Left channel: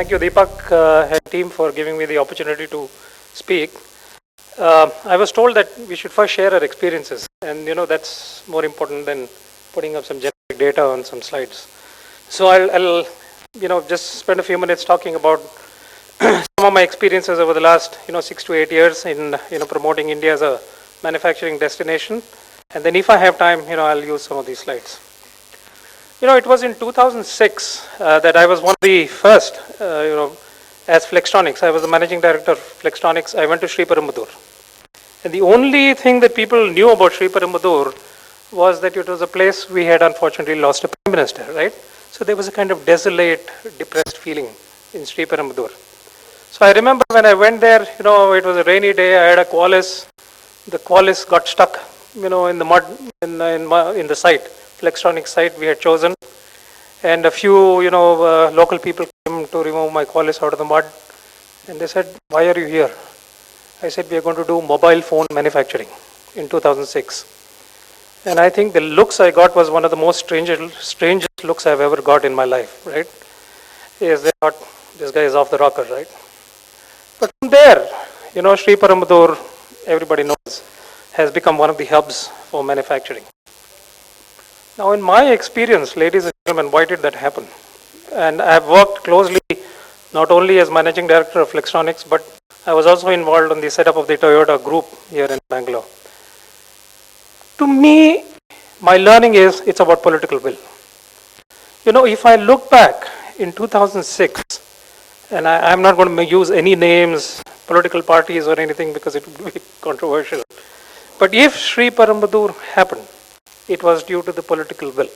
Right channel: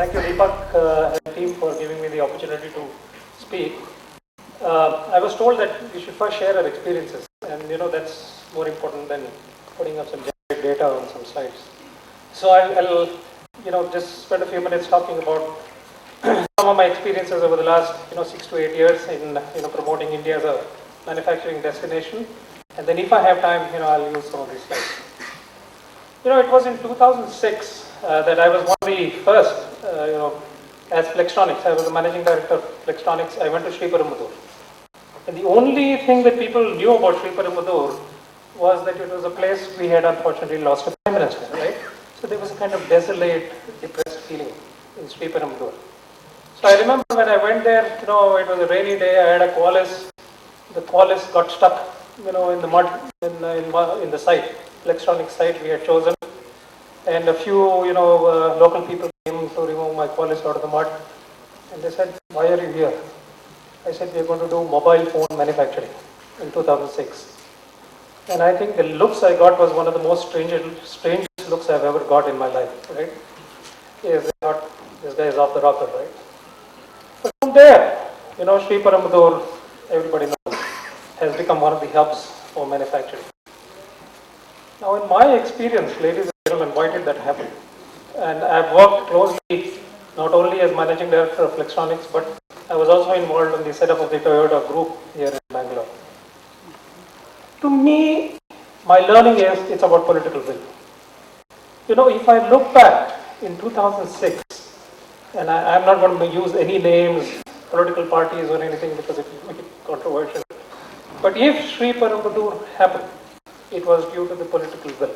Thank you, Deepak and team, for giving me the opportunity to speak. I was told that we should first share our experiences, and that's more important than putting up some generic data on some slides. So I'll just spend a few minutes talking about some of my experiences over the last 6 to 8 years in promoting India as a manufacturing destination, and then if I have time, I'll use some of these slides. It was in 2006 that I was one of the first, as Flextronics. I was the managing director of Flextronics. I went to Shri and the only thing that people knew about Shri was that it was a place we had unfortunately lost a prime minister, right? So there was a kind of desolate, depressed feeling in Shri So I remember when I went there, it was a rainy day. I had a Qualis. The Qualis got stuck, in the mud in the site. Flextronics site we had chosen, and a few local people came to remove my Qualis out of the mud, and they said, "Why are you here?" I said, "We are going to do mobile phone manufacturing in 2006." And I think the looks I got was one of the most strangest looks I've ever got in my life, right? Yes, they thought this guy is off the rocker, right? But from there, Shri everybody knows, has become one of the hubs for manufacturing. Now, in my experience, ladies and gentlemen, why did that happen? And I have worked closely not only as managing director of Flextronics, but I was also involved in the setup of the Toyota group here in Bangalore. To me, my learning is it's about political will. If I look back in 2006, and I'm not going to use any names, political parties or anything because it would be controversial. But if Shri happened, it was due to the political will.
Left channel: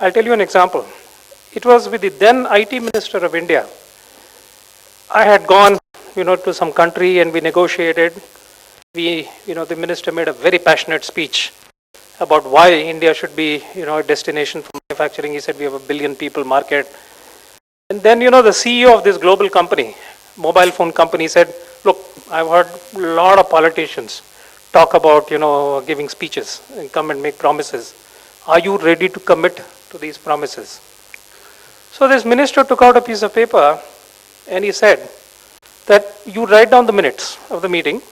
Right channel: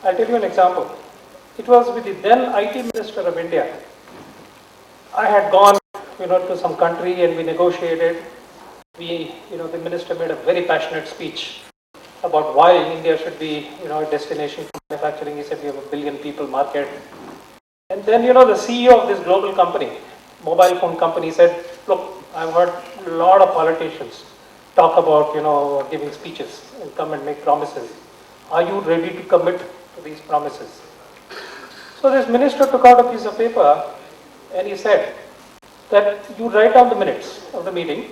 I'll tell you an example. It was with the then IT Minister of India. I had gone, to some country and we negotiated. The minister made a very passionate speech about why India should be, a destination for manufacturing. He said we have 1 billion people market. And then, the CEO of this global company, mobile phone company, said, "Look, I've heard a lot of politicians talk about, giving speeches and come and make promises. Are you ready to commit to these promises?" So this minister took out a piece of paper and he said that you write down the minutes of the meeting.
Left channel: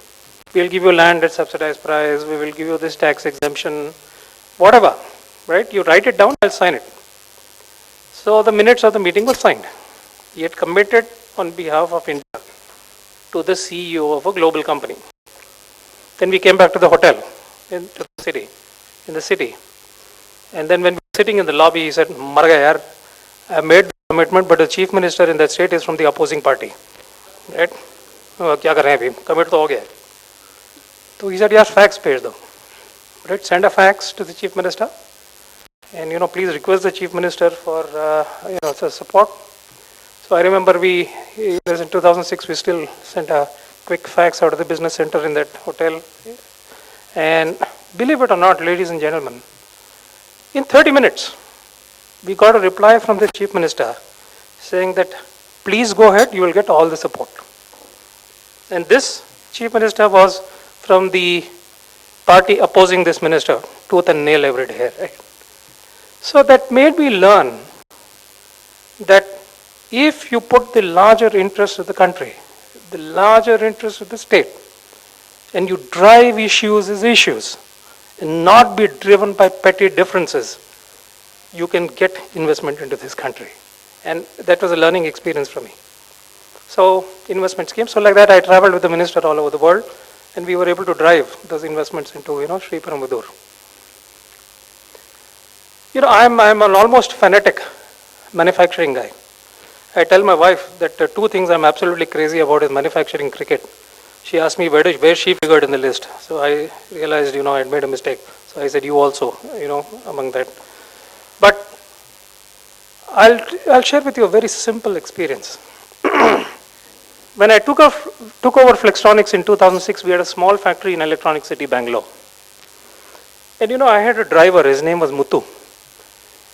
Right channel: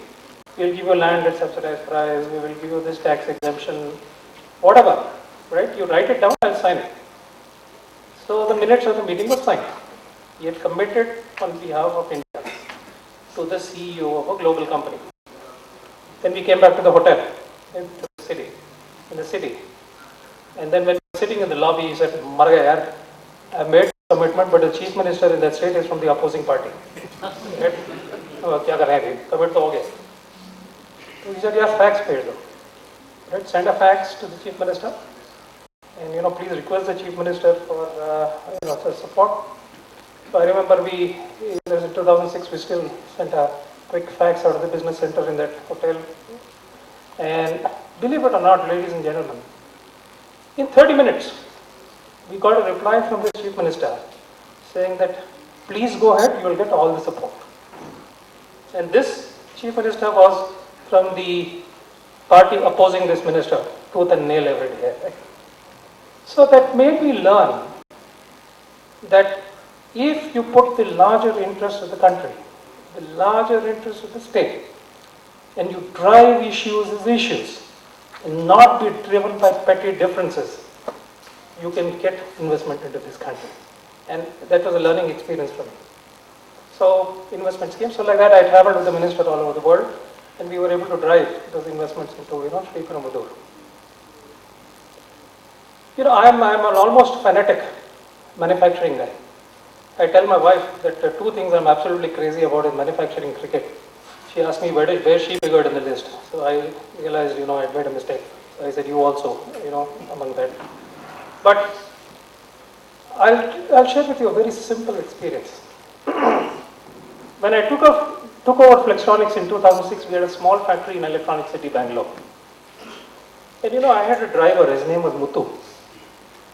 We'll give you land at subsidized price. We will give you this tax exemption, whatever, right? You write it down, I'll sign it. So the minutes of the meeting were signed. He had committed on behalf of India to the CEO of a global company. Then we came back to the hotel in the city. And then when we were sitting in the lobby, he said, "Mar gaya yaar, I made the commitment, but the chief minister in that state is from the opposing party." Right? Kya kar rahe hain abhi? Commit to ho gaya. So he said, "Yaar, fax bhej do." Right? Send a fax to the chief minister. And please request the chief minister for for support. So I remember it was in 2006, we still sent a quick fax out of the business center in that hotel. And believe it or not, ladies and gentlemen, in 30 minutes, we got a reply from the chief minister saying that, "Please go ahead, you will get all the support." And this chief minister was from the party opposing this minister, tooth and nail every day. Right? So that made me learn that if you put the larger interest of the country, the larger interest of the state, and you drive issues as issues, and not be driven by petty differences, you can get investment into this country. And that was a learning experience for me. So investments came. So like that, I traveled with the minister all over the world, and we were able to drive those investments into Shri I'm an almost fanatic manufacturing guy. I tell my wife that the two things I'm absolutely crazy about is manufacturing cricket. She asked me where she figured in the list. So I realized, I had made a mistake. So I said, you also, among that. But I'll share with you a very simple experience. When I took over Flextronics in 2006, we had a small factory in Electronic City, Bangalore. And I had a driver, his name was Muthu.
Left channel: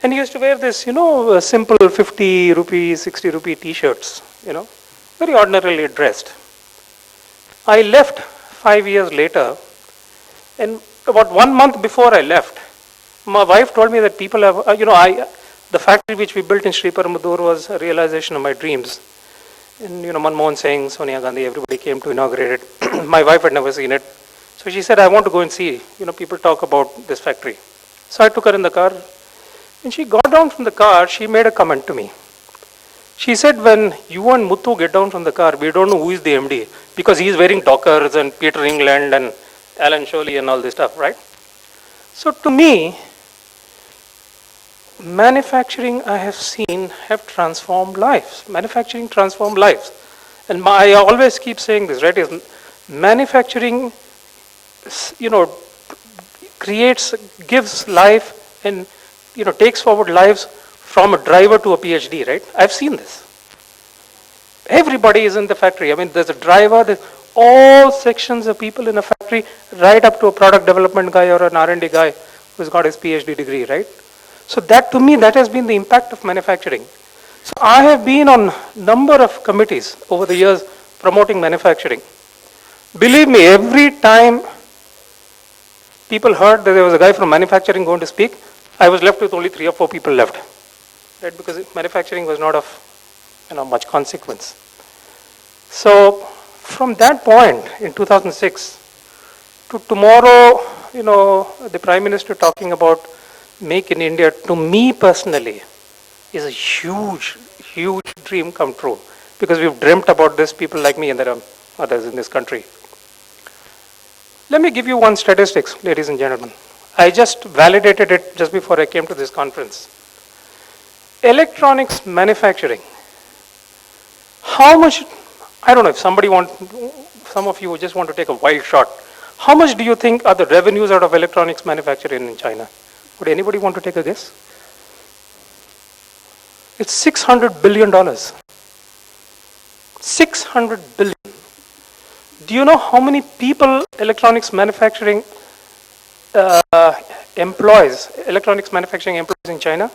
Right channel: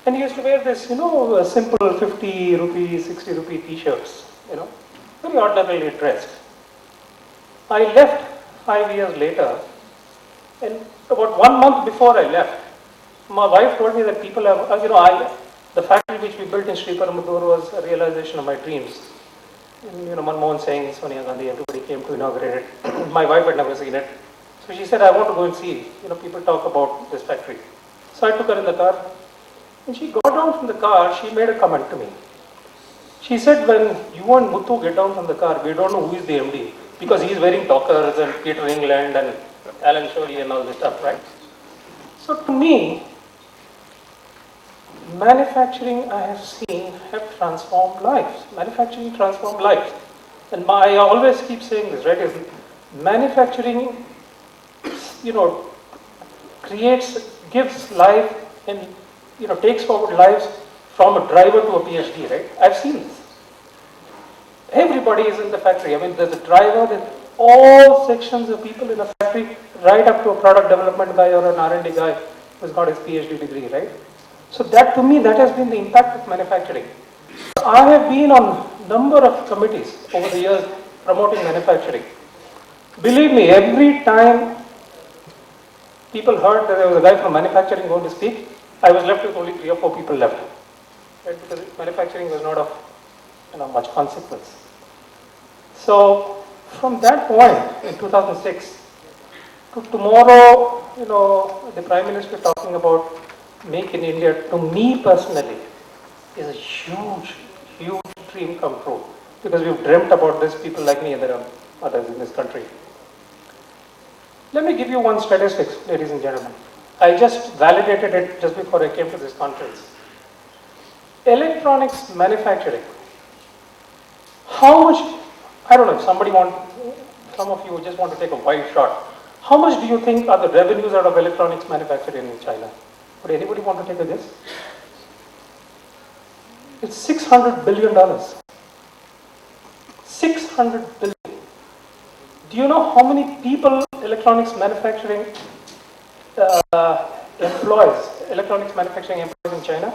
And he used to wear this, simple 50 rupee, 60 rupee t-shirts, very ordinarily dressed. I left 5 years later, and about 1 month before I left, my wife told me that people have, The factory which we built in Shri was a realization of my dreams. And Manmohan Singh, Sonia Gandhi, everybody came to inaugurate it. My wife had never seen it. So she said, I want to go and see, people talk about this factory. So I took her in the car. When she got down from the car, she made a comment to me. She said, when you and Muthu get down from the car, we don't know who is the MD. Because he is wearing Dockers and Peter England and Alan Shirley and all this stuff, right? So to me, manufacturing I have seen have transformed lives. Manufacturing transformed lives. And I always keep saying this, right? Is manufacturing, gives life and, takes forward lives from a driver to a PhD, right? I've seen this. Everybody is in the factory. I mean, there's a driver, there's all sections of people in a factory, right up to a product development guy or an R&D guy who's got his PhD degree, right? So that, to me, that has been the impact of manufacturing. So I have been on a number of committees over the years promoting manufacturing. Believe me, every time people heard that there was a guy from manufacturing going to speak, I was left with only 3 or 4 people left, right? Because manufacturing was not of much consequence. So from that point in 2006 to tomorrow, the Prime Minister talking about Make in India, to me personally, is a huge, huge dream come true. Because we've dreamt about this, people like me, and there are others in this country. Let me give you one statistics, ladies and gentlemen. I just validated it just before I came to this conference. Electronics manufacturing. How much, I don't know if some of you just want to take a wild shot. How much do you think are the revenues out of electronics manufacturing in China? Would anybody want to take a guess? It's $600 billion. 600 billion. Do you know how many people electronics manufacturing employs in China?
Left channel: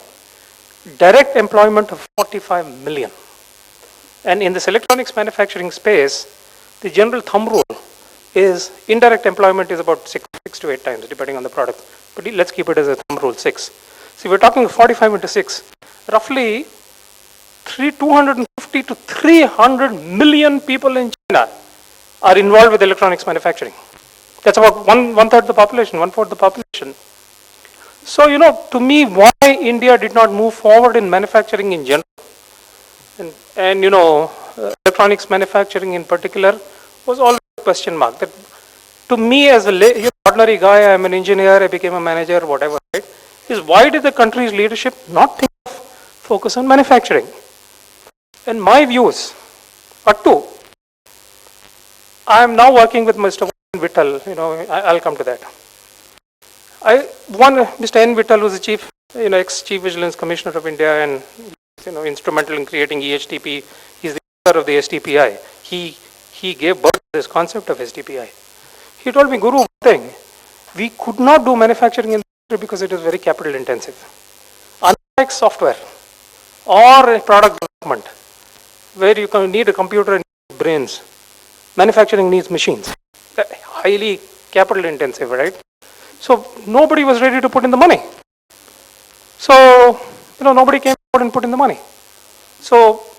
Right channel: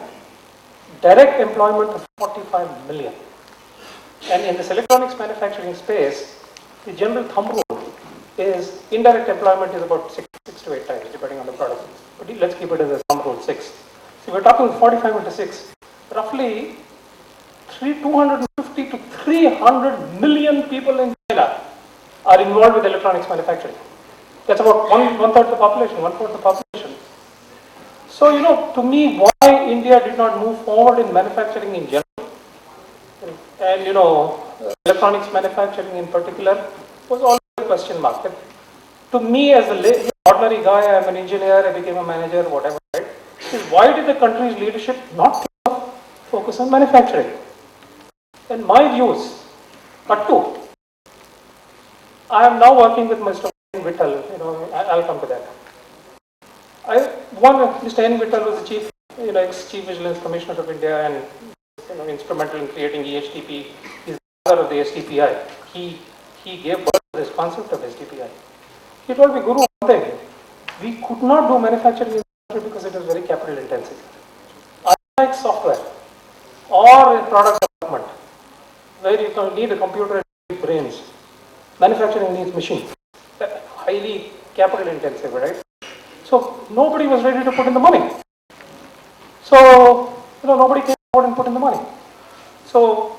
Direct employment of 45 million. And in this electronics manufacturing space, the general thumb rule is indirect employment is about 6 to 8 times, depending on the product. But let's keep it as a thumb rule, 6. So we're talking 45 into 6. Roughly 250 to 300 million people in China are involved with electronics manufacturing. That's about one-third the population, one-fourth the population. So, to me, why India did not move forward in manufacturing in general, and electronics manufacturing in particular, was always a question mark. That to me, as an ordinary guy, I'm an engineer, I became a manager, whatever, right? Is why did the country's leadership not think of focus on manufacturing? And my views are 2. I am now working with Mr. Vittal, I'll come to that. Mr. N. Vittal, who's the chief, ex-chief vigilance commissioner of India and instrumental in creating EHTP. He's the author of the STPI. He gave birth to this concept of STPI. He told me, Guru, one thing, we could not do manufacturing in the country because it is very capital intensive. Unlike software or product development, where you can need a computer and brains, manufacturing needs machines. Highly capital intensive, right? So nobody was ready to put in the money. So, nobody came forward and put in the money. So,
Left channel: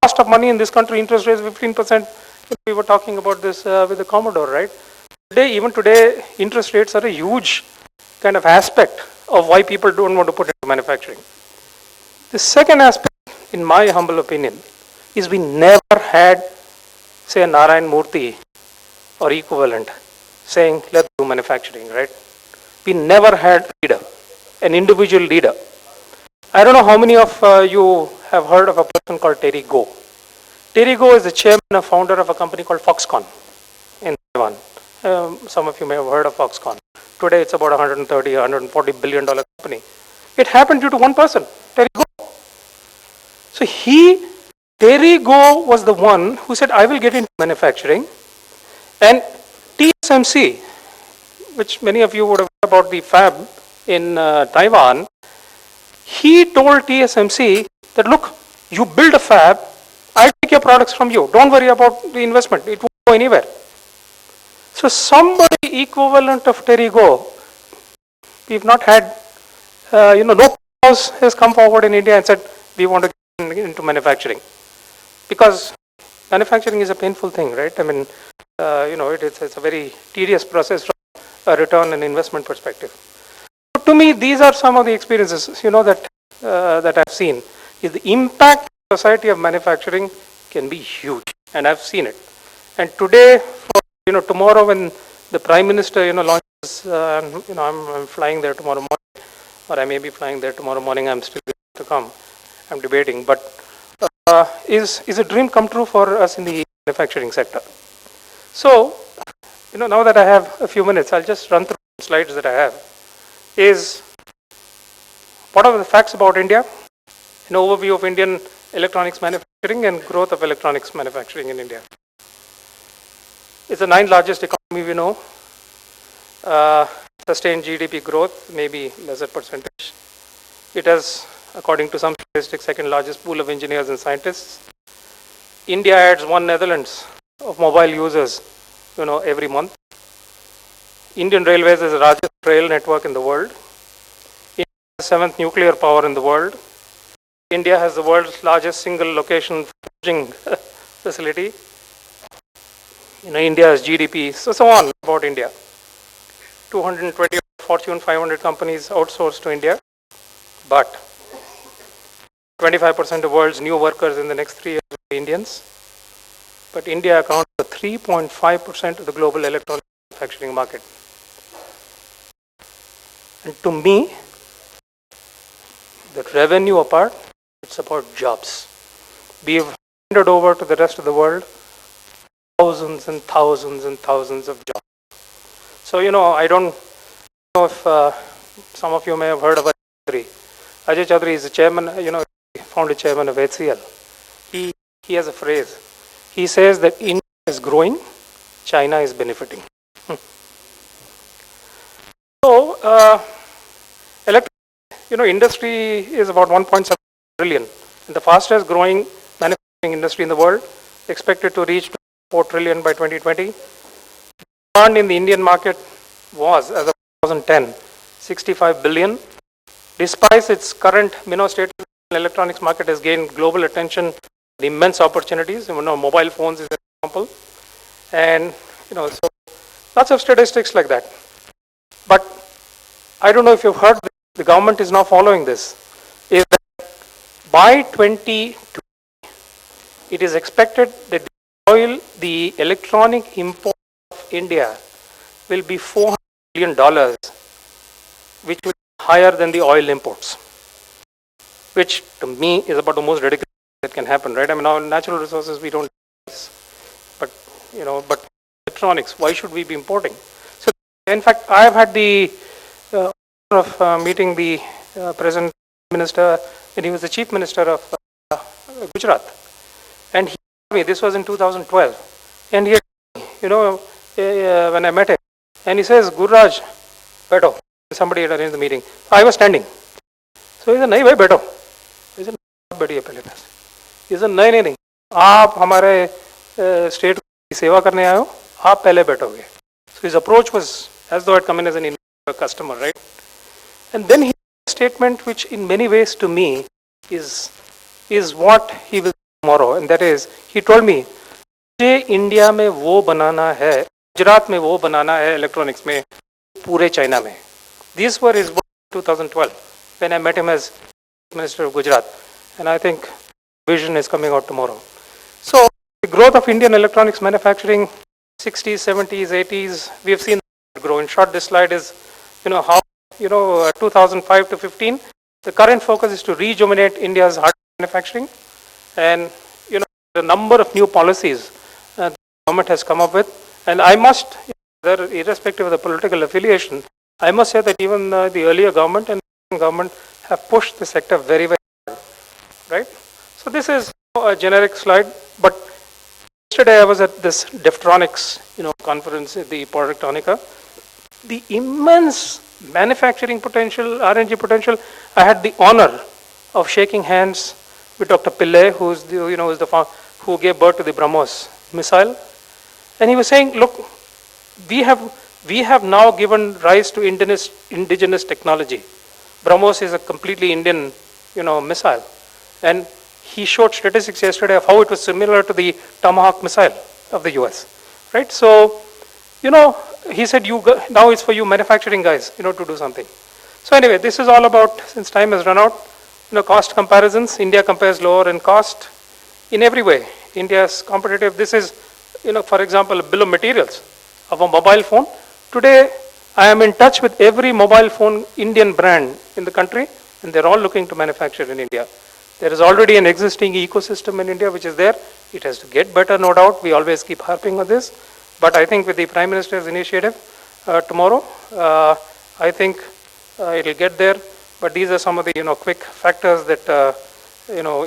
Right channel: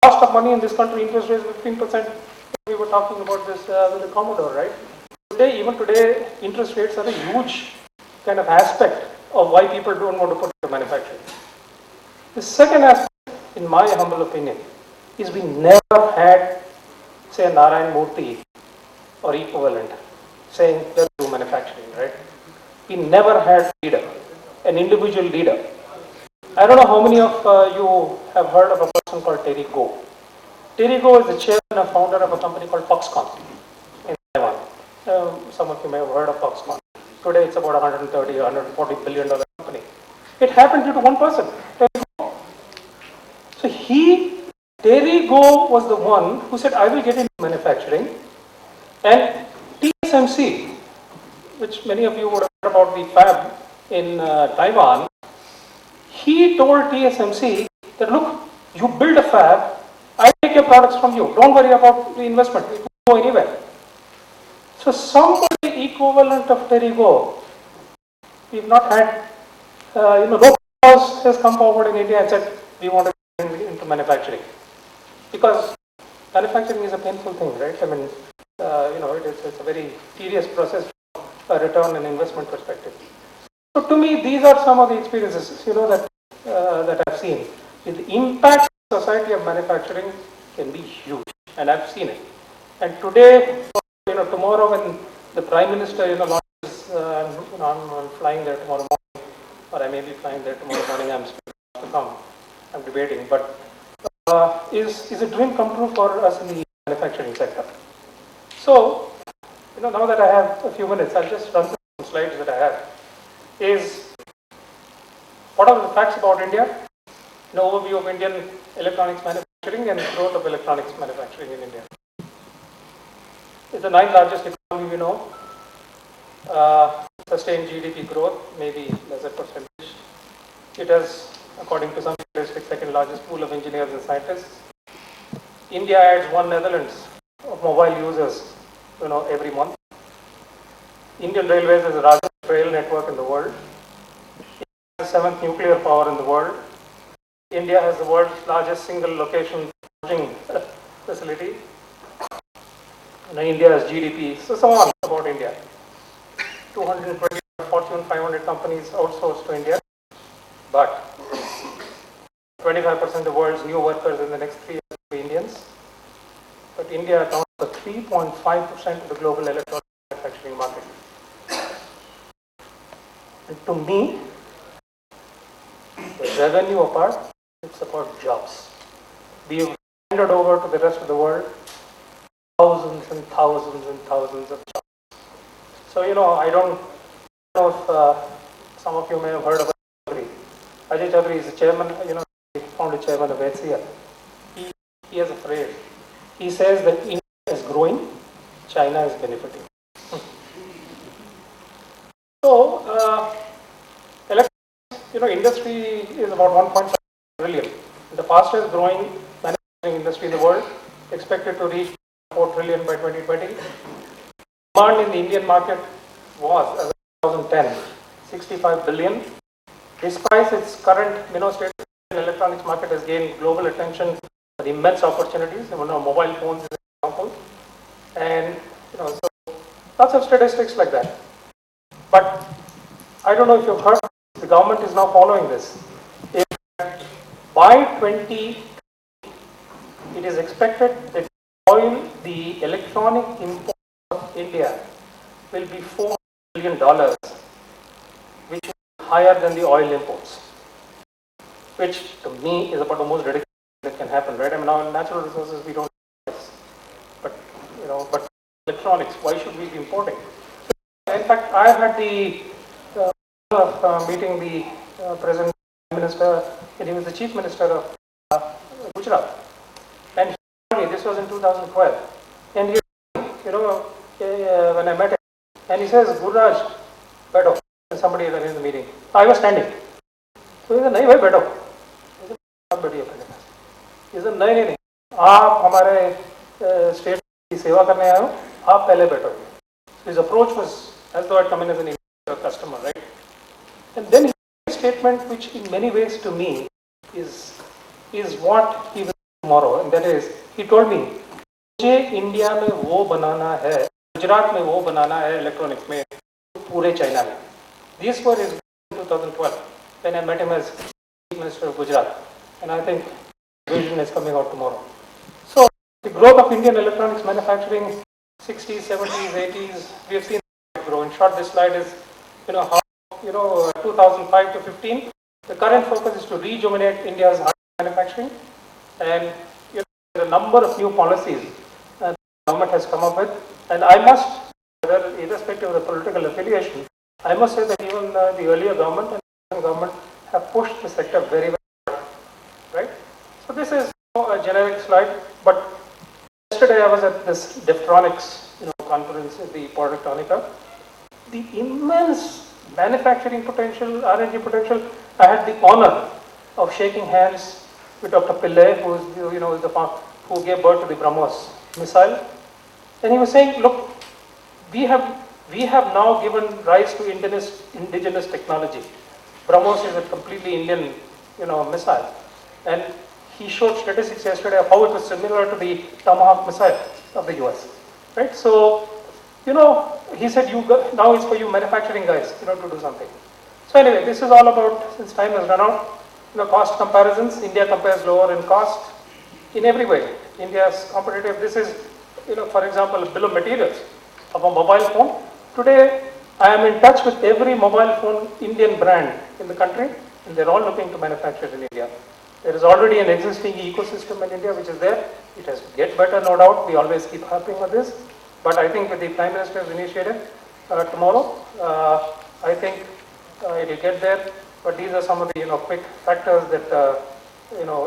cost of money in this country, interest rates 15%. We were talking about this with the Commodore, right? Even today, interest rates are a huge kind of aspect of why people don't want to put into manufacturing. The second aspect, in my humble opinion, is we never had, say, a Narayan Murthy or equivalent saying, let's do manufacturing, right? We never had leader, an individual leader. I don't know how many of you have heard of a person called Terry Goh. Terry Goh is the chairman and founder of a company called Foxconn in Taiwan. Some of you may have heard of Foxconn. Today it's about $130, $140 billion company. It happened due to one person, Terry Goh. So Terry Goh was the one who said, I will get into manufacturing. And TSMC, which many of you would have heard about the fab in Taiwan, he told TSMC that, look, you build a fab, I take your products from you. Don't worry about the investment. It won't go anywhere. So somebody equivalent of Terry Goh, we've not had, no has come forward in India and said, we want to get into manufacturing. Because manufacturing is a painful thing, right? I mean, it's a very tedious process from a return and investment perspective. So to me, these are some of the experiences, that I've seen. Is the impact on society of manufacturing can be huge, and I've seen it. And today, tomorrow when the Prime Minister, launches, I'm flying there tomorrow morning, or I may be flying there tomorrow morning. I'm still to come. I'm debating, but is a dream come true for us in the manufacturing sector. So, now that I have a few minutes, I'll just run through some slides that I have. Is what are the facts about India? An overview of Indian electronics manufacturing and growth of electronics manufacturing in India. It's the 9th largest economy we know. Sustained GDP growth, maybe lesser percentage. It has, according to some statistics, second largest pool of engineers and scientists. India adds 1 Netherlands of mobile users, every month. Indian Railways is the largest rail network in the world. India has 7th nuclear power in the world. India has the world's largest single location forging facility. India's GDP, so on about India. 220 Fortune 500 companies outsourced to India, but 25% of the world's new workers in the next 3 years will be Indians. But India accounts for 3.5% of the global electronics manufacturing market. And to me, the revenue apart, it's about jobs. We've handed over to the rest of the world thousands and thousands and thousands of jobs. So, I don't know if some of you may have heard about Ajay Chaudhary. Ajay Chaudhary is the chairman, founding chairman of HCL. He has a phrase. He says that India is growing, China is benefiting. So, industry is about 1.7 trillion. The fastest growing manufacturing industry in the world, expected to reach 4 trillion by 2020. Demand in the Indian market was, as of 2010, 65 billion. Despite its current state, the electronics market has gained global attention, immense opportunities. Mobile phones is an example, and so lots of statistics like that. But I don't know if you've heard, the government is now following this. Is that by 2020, it is expected that the electronic import of India will be $400 billion, which will be higher than the oil imports, which to me is about the most ridiculous that can happen, right? I mean, now in natural resources we don't do this, but electronics, why should we be importing? So, in fact, I have had the honor of meeting the present minister, and he was the chief minister of Gujarat, and he told me this was in 2012, and he, when I met him, and he says, Gururaj, beto. Somebody had arranged the meeting. I was standing. So he said, nahi bhai, beto. He said, बैठिए पहले से. He said, नहीं. आप हमारे state की सेवा करने आए हो, आप पहले बैठोगे. So his approach was as though I'd come in as an customer, right? And then he made a statement which in many ways to me is what he will do tomorrow, and that is, he told me, मुझे India में वो बनाना है, गुजरात में वो बनाना है electronics में, पूरे China में. These were his words in 2012 when I met him as Chief Minister of Gujarat, and I think vision is coming out tomorrow. So the growth of Indian electronics manufacturing, 60s, 70s, 80s, we have seen it grow. In short, this slide is, how 2005 to 15. The current focus is to rejuvenate India's hardware manufacturing, and the number of new policies the government has come up with. And I must, irrespective of the political affiliation, I must say that even the earlier government and the government have pushed the sector very, very hard, right? So this is a generic slide, but yesterday I was at this Deftronics, conference at the Polytechnica. The immense manufacturing potential, R&D potential. I had the honor of shaking hands with Dr. Pillai, who is who gave birth to the BrahMos missile, and he was saying, look, we have now given rise to indigenous technology. BrahMos is a completely Indian, missile. And he showed statistics yesterday of how it was similar to the Tomahawk missile of the US, right? So, he said, now it's for you manufacturing guys, to do something. So anyway, this is all about, since time has run out, cost comparisons. India compares lower in cost in every way. India is competitive. This is, for example, a bill of materials of a mobile phone. Today, I am in touch with every mobile phone Indian brand in the country, and they're all looking to manufacture in India. There is already an existing ecosystem in India which is there. It has to get better, no doubt. We always keep harping on this. But I think with the Prime Minister's initiative tomorrow, I think it will get there. But these are some of the quick factors that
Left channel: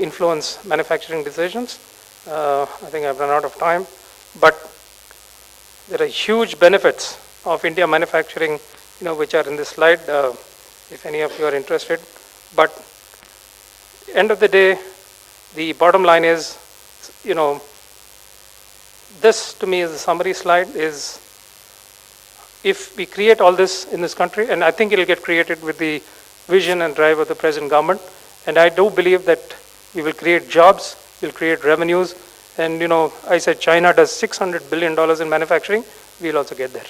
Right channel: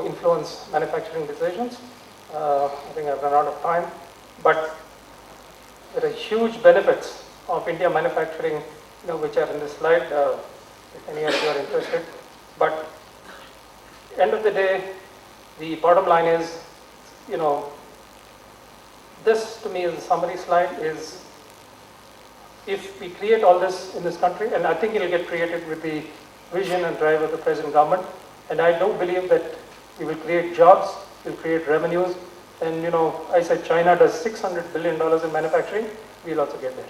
influence manufacturing decisions. I think I've run out of time. But there are huge benefits of India manufacturing, which are in this slide, if any of you are interested. But end of the day, the bottom line is, this to me is a summary slide, is if we create all this in this country, and I think it will get created with the vision and drive of the present government, and I do believe that we will create jobs, we'll create revenues, and I said China does $600 billion in manufacturing, we'll also get there.